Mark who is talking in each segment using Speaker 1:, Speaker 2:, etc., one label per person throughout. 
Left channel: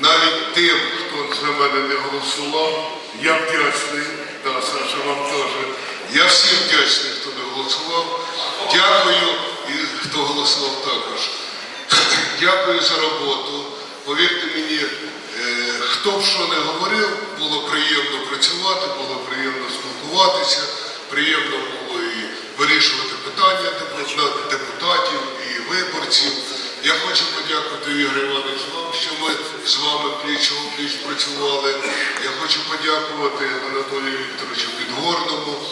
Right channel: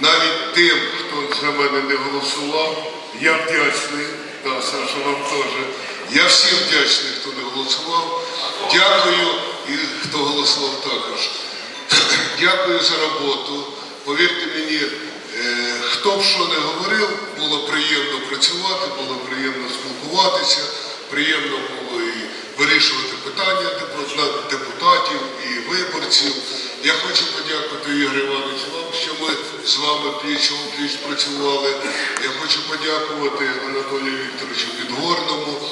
Speaker 1: навіть тим, хто за мене не голосував. Я вдячний, да, Саша, вам теж. Я всім вдячний, хто не голосував. Дякую і хто голосував також. Дякую за роботу. Повірте мені, е, хто б що не говорив, було приємно працювати, було приємно спілкуватися, приємно було і вирішувати питання депутатів і виборців. Я хочу подякувати Ігор Іванович вам, що ми з вами пліч у пліч працювали. Я хочу подякувати Анатолію Вікторовичу Підгорному,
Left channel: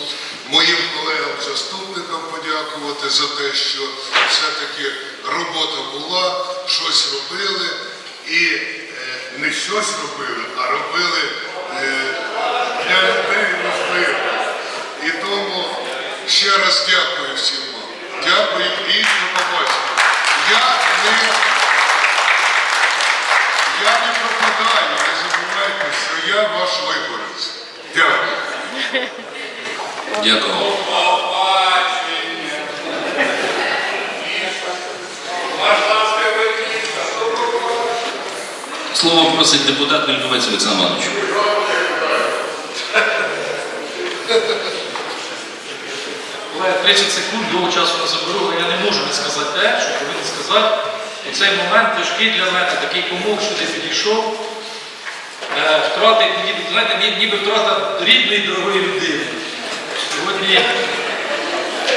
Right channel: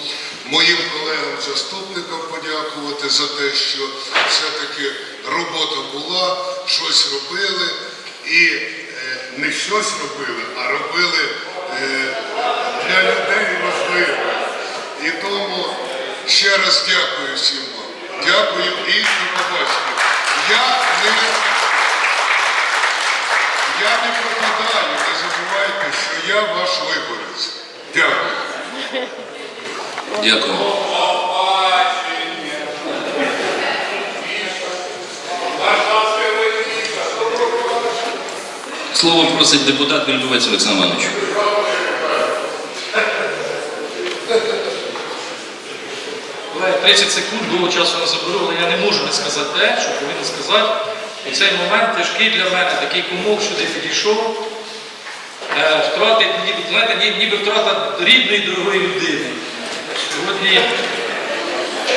Speaker 1: моїм колегам-заступникам подякувати за те, що все-таки робота була, щось робили і е, не щось робили, а робили е, для людей важливе. І тому ще раз дякую всім вам. Дякую і до побачення. Я не, я не пропадаю, не забувайте, що я ваш виборець. Дякую.
Speaker 2: Дякую. Слово просить депутат Вільбовець Олександр Іванович.
Speaker 3: Але 30 секунд довго часу не заберу, але я не можу не сказати те, що повинен сказати. У цей момент тяжкий для мене такий комок сюди підійшов. Е, Втрати, ніби, знаєте, ніби втрата рідної дорогої людини. Сьогодні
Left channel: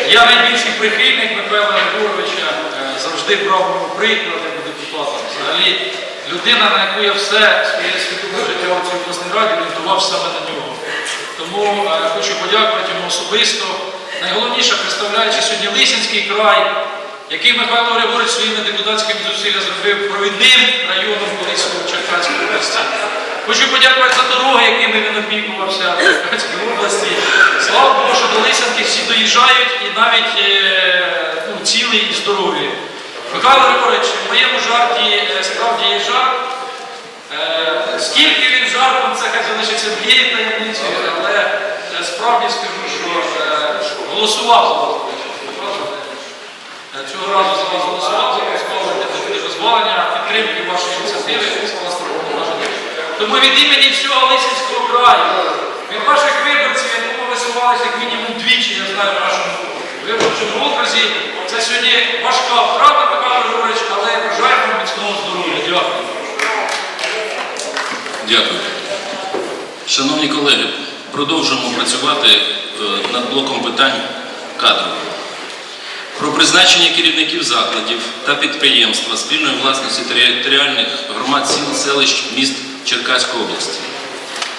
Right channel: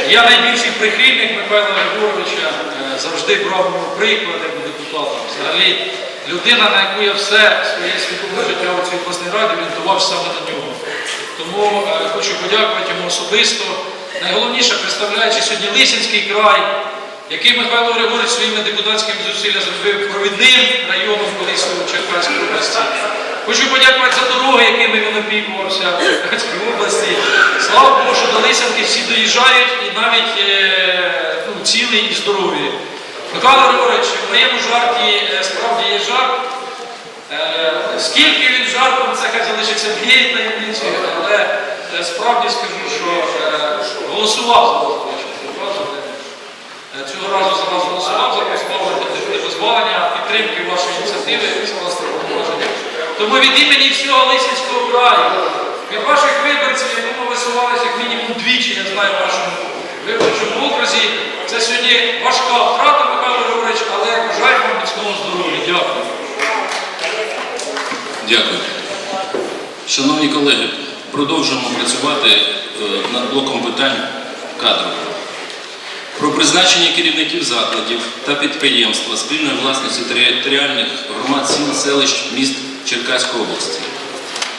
Speaker 3: я найбільший прихильник Михайла Григоровича, е, завжди брав в нього приклад як депутатом. Взагалі, людина, на яку я все своє свідоме життя у цій обласній раді орієнтував саме на нього. Тому е, хочу подякувати йому особисто. Найголовніше, представляючи сьогодні Лисинський край, який Михайло Григорович своїми депутатськими зусиллями зробив провідним районом колись у Черкаській області. Хочу подякувати за дороги, якими він опікувався в Черкаській області. Слава Богу, що до Лисянки всі доїжджають і навіть е, ну, цілі і здорові. Михайло Григорович, в моєму жарті е, справді є жарт. Е, Скільки він жартом, це хай залишиться моєю таємницею, але справді скажу, що голосував Цього разу за вас голосував за поставити дозволення підтримки вашої ініціативи. Тому від імені всього Лисинського краю, від ваших виборців, якому висувалися як мінімум двічі, я знаю в вашому виборчому окрузі, це сьогодні важка втрата, Михайло Григорович, але бажаємо міцного здоров'я. Дякую.
Speaker 2: Дякую. Шановні колеги, продовжуємо працювати е, над блоком питань кадрів. Про призначення керівників закладів та підприємства спільної власності територіальних громад сіл, селищ, міст Черкаської області.